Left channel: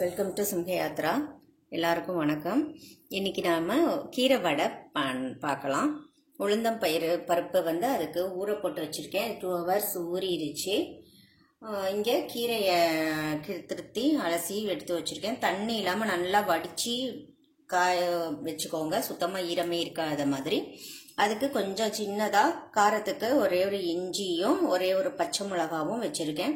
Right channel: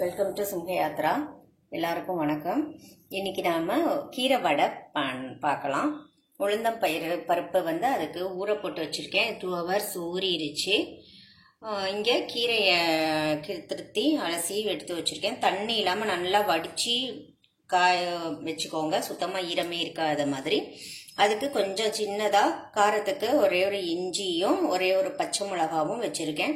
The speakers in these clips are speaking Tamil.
Welcome to சிம்ஹயாத்ரா. எல்லாருக்கும் வணக்கம். இன்னைக்கு நாம கீரை வடை பார்க்கலாம். உளுந்தம் பருப்பு அதுக்கு ஊற போட்டு வச்சிருக்கேன். 2 hours ஊறிடுச்சு. இங்கே கீரையை திருத்தி அலசி எடுத்து வச்சிருக்கேன். தண்ணி இல்லாமல் நல்லா வடித்து காய வச்சுக்கோங்க, சுத்தமாக ஈரமே இருக்காத மாதிரி. அதுக்கு கொஞ்சம் சின்னதாக காரத்துக்கு ஒரே ஒரு இஞ்சியும் ஒரே ஒரு பச்சை மிளகாவும் வச்சுருக்கேன்.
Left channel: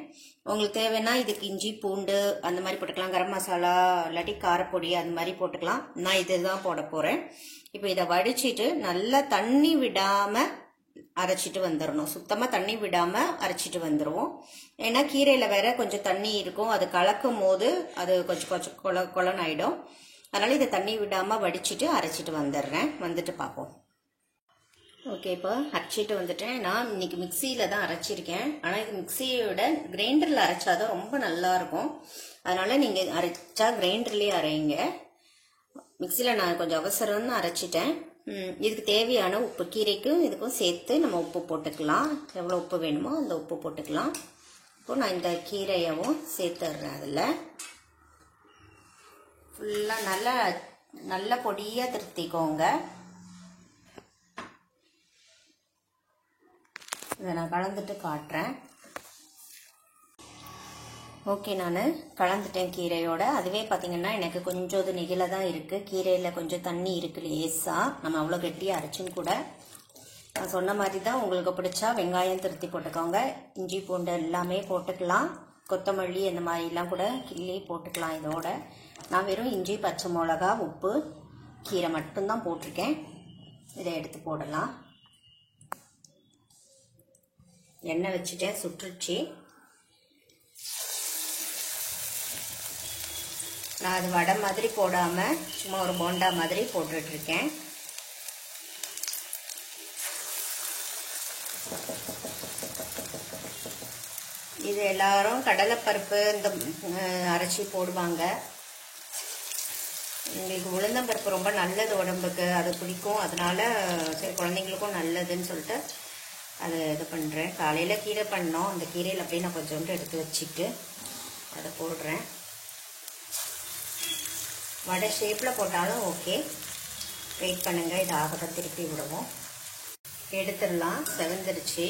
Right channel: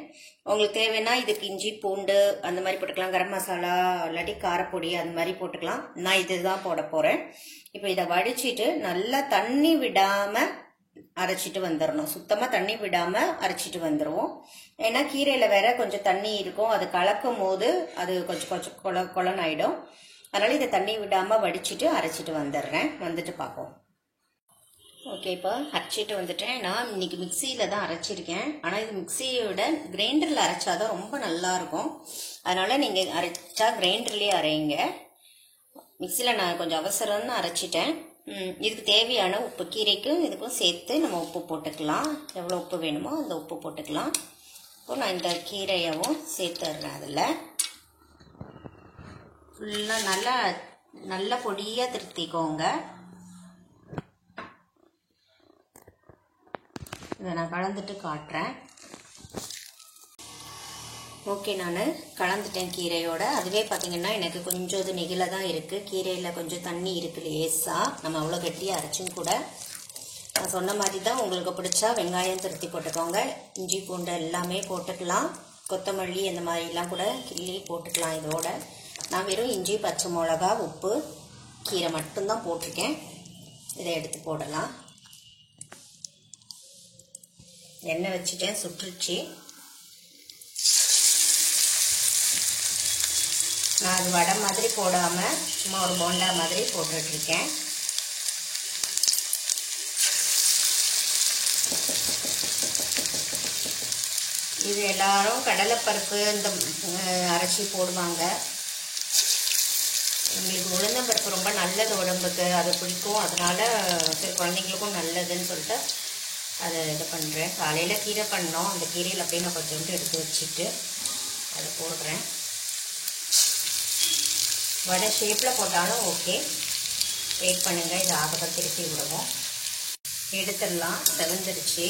உங்களுக்கு தேவைன்னா இதுக்கு இஞ்சி பூண்டு அந்த மாதிரி போட்டுக்கலாம், கரம் மசாலா இல்லாட்டி காரப்பொடி அந்த மாதிரி போட்டுக்கலாம். நான் இதுதான் போட போகிறேன். இப்போ இதை வடிச்சிட்டு நல்லா தண்ணி விடாமல் அரைச்சிட்டு வந்துடணும். சுத்தமாக தண்ணி விடாமல் அரைச்சிட்டு வந்துடுவோம். ஏன்னா கீரையில் வேற கொஞ்சம் தண்ணி இருக்கும், அது கலக்கும் போது அது கொஞ்சம் கொலன்னு ஆகிடும். அதனால இதை தண்ணி விடாமல் வடிச்சிட்டு அரைச்சிட்டு வந்துடுறேன். வந்துட்டு பார்ப்போம். ஓகே, இப்போ அரைச்சிட்டு வந்துட்டேன். நான் இன்னைக்கு மிக்சியில தான் அரைச்சிருக்கேன். ஆனால் இது மிக்சியோட கிரைண்டரில் அரைச்சாதான் ரொம்ப நல்லா இருக்கும். அதனால நீங்கள் அரைச்சா கிரைண்டர்லேயே அரைங்க. மிக்சியில் நான் கொஞ்சம் அவசரம்னு அரைச்சிட்டேன். இதுக்கு தேவையான உப்பு, கீரைக்கும் இதுக்கும் சேர்த்து நம்ம உப்பு போட்டுக்கலாம். எவ்வளோ உப்பு வேணுமோ அந்த உப்பு போட்டுக்கலாம். இப்போ நான் இந்த கீரையவும் சேர்த்துடுறேன். அதில் ஃபுல்லாக நல்லா பொடியாக திருத்திக்கோங்க. இதை நான் கலந்துட்டு காட்டுறேன். ஓகே, நான் கலந்துட்டேன் கீரையோட. அதுவே பார்த்தீங்கன்னா எனக்கு கொஞ்சம் இது நெகில தான் இருக்குது. கீரையில் கொஞ்சம் தண்ணி இருக்குது லேசாக. நம்ம அவ்வளோ கட்டியாக அரைச்சும் கூட நான் சொன்ன மாதிரி தான். உங்களுக்கு பிடிச்சா வெங்காயம் திருத்தி போட்டுக்கோங்க, இஞ்சி பூண்டு எல்லாமே போட்டுக்கலாம், கொத்தமல்லி அந்த மாதிரிலாம் கூட கிள்ளி போட்டுக்கலாம். இதோட நான் வெறும் இஞ்சி பச்சை மிளகா உப்பு கீரை மட்டும்தான் போட்டிருக்கேன். இதை எடுத்து போடலாம். எண்ணெய் வச்சுட்டேன், சுட்டுருச்சு. நான் அது வடை மாதிரி போடாமல் சும்மா ஒரு போண்டா மாதிரி போட்டுட்ருக்கேன். இது எல்லாரும் கடலைப்பருப்பு இந்த அரைச்சி போடுவாங்க. உங்களுக்கு உளுந்தம்பருப்பு ரொம்ப நல்லது உடம்புக்கு, அது பிடிக்கும். அதனால சரி குழந்தைங்களுக்கும் நல்லதுன்னு சொல்லிட்டு அதை இது பண்ணுறேன். காலையில் கீரை பண்ணோம், அந்த கீரையில் அப்படியே நான் கொஞ்சோண்டு எடுத்து வச்சுட்டு அதை போடுறேன். வடை ஷேப்பில் போட்டாலும் ஓகே. வெயிட் பண்ணுங்கள், இது ஆகப்போ திருப்பி விடுவோம். எடுத்துடலாம், செவந்துருச்சு.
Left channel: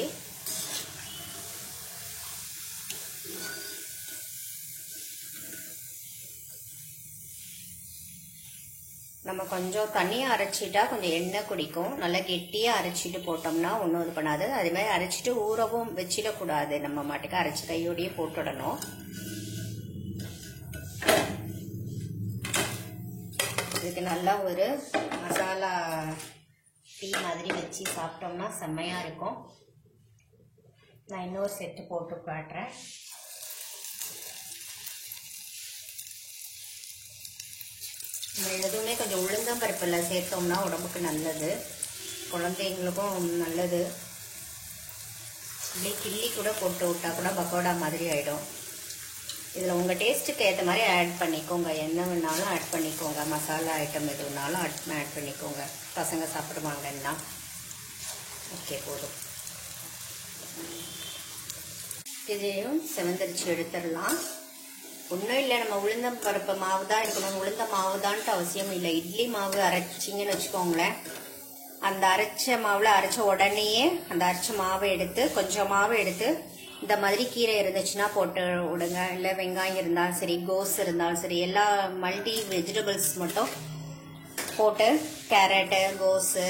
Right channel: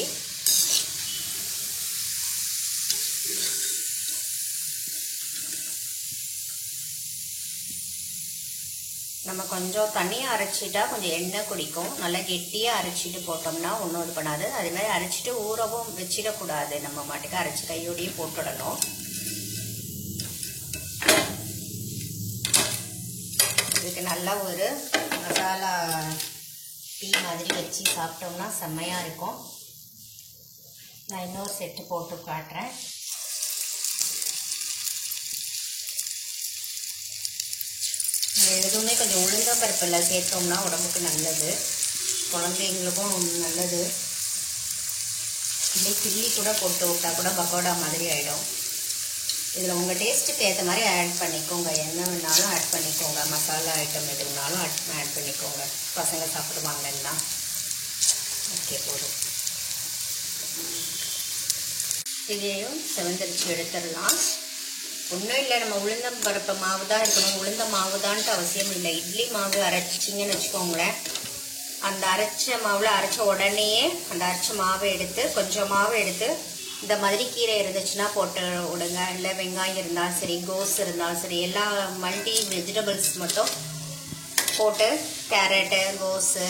நம்ம கொஞ்சம் தண்ணியாக அரைச்சிட்டா கொஞ்சம் எண்ணெய் குடிக்கும். நல்லா கெட்டியாக அரைச்சிட்டு போட்டோம்னா ஒன்றும் இது பண்ணாது. அதே மாதிரி அரைச்சிட்டு ஊறவும் வச்சிடக்கூடாது. நம்ம மாட்டுக்கு அரைச்சி கையோடையே போட்டுடணும். இதுக்கு நல்லா ஒரு மசாலா டீ மாதிரி வச்சு சாப்பிட்டோம்னா செம்மையாக இருக்கும். நான் இன்னொரு செட்டு போட்டு காட்டுறேன். எதுவுமே கொஞ்சம் உளுந்த பருப்பில் சேர்த்தோம்னா உடம்புக்கு நல்லது, குழந்தைங்களுக்கும் நல்லது. இல்லை கிள்ளி கூட போட்டு விட்டா கூட பக்கோடா மாதிரி ஆகிடும். இதில் உங்கள் டேஸ்ட்டுக்கு ஏற்ற மாதிரி ஆட் பண்ணிக்கோங்க. என்ன வேணாலும் ஆட் பண்ணிக்கோங்க. மசாலா ஐட்டம் எது வேணாலும் ஆட் பண்ணிக்கோங்க. பசங்க சாப்பிடுவாங்கன்னா ஓகே போதும். இதையும் செவந்தரிச்சு எடுத்துடலாம். ஒன்றும் இல்லை, நம்ம உளுந்தம் பருப்பு மாவு தான் இருக்கணும். உளுந்த மாவு தான்ட்டு அவசியம் இல்லை. இட்லி மாவு அரைச்சிங்கன்னு வச்சுக்கோங்களேன். அந்த அரைச்ச மாவில் அரைச்ச உடனேயே அந்த அரைச்ச மாவை எடுத்து கொஞ்சம் மாவு எடுத்து இந்த மாதிரி கீரை இருந்துச்சுன்னா போட்டு விடுங்க. இல்லை வெங்காயம் இருந்தாலும் சரி, கோஸ் இருந்தாலும் சரி, எல்லா மல்டி வெஜிடபிள்ஸ் மட்டும் போட்டு கேரட்டு, கோஸு,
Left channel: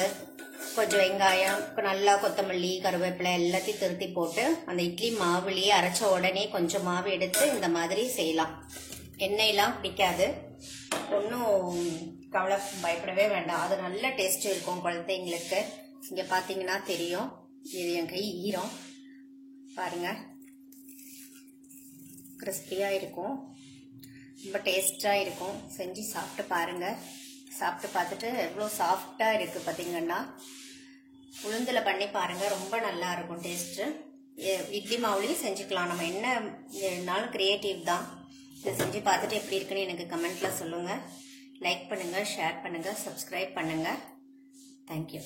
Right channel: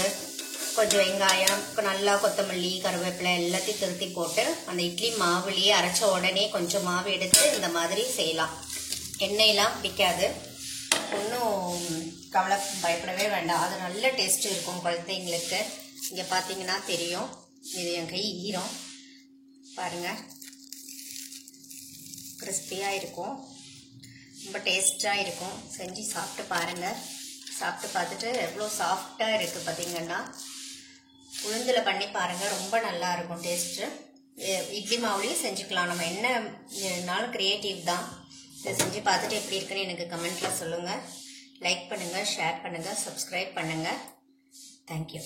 கொஞ்சம் வெங்காயம், நல்லா கொத்தமல்லி, கருவேப்பிலை எல்லாத்தையும் திருத்தி போட்டு அந்த இட்லி மாவுலேயே அரைச்ச உடனே கொஞ்சம் மாவு எடுத்து இந்த மாதிரி செய்யலாம். எண்ணெயெல்லாம் பிடிக்காது, ஒன்றும் பயப்படவே வேண்டாம். அது நல்ல டேஸ்ட் இருக்கும் குழந்தைங்களுக்கு. இங்கே பார்த்தீங்கன்னா தெரியும், இது என் கை ஈரம் பாருங்கள். கிறிஸ்பியாக இருக்கும், ரொம்ப டேஸ்டாக இருக்கும். செஞ்சு சாப்பிட்டு பாருங்கள். சாப்பிட்டு பார்த்துட்டு எவ்வளோ சாஃப்டாக இருக்குது பார்த்தீங்கன்னா. உளுந்தில் பண்ணி பாருங்கள், ரொம்ப நல்லா இருக்கும் டேஸ்ட்டு. இட்லி மாவுலேயும் செஞ்சுக்கலாம். நம்ம என்னனாலும் க்ரியேட்டிவ் தான். இதை செஞ்சு பார்த்துட்டு எப்படி இருக்குன்னு எனக்கு கமெண்ட்டில் சொல்லுங்கள். லைக் பண்ணுங்கள், ஷேர் பண்ணுங்கள், சப்ஸ்கிரைப் பண்ணுங்கள். தேங்க்யூ.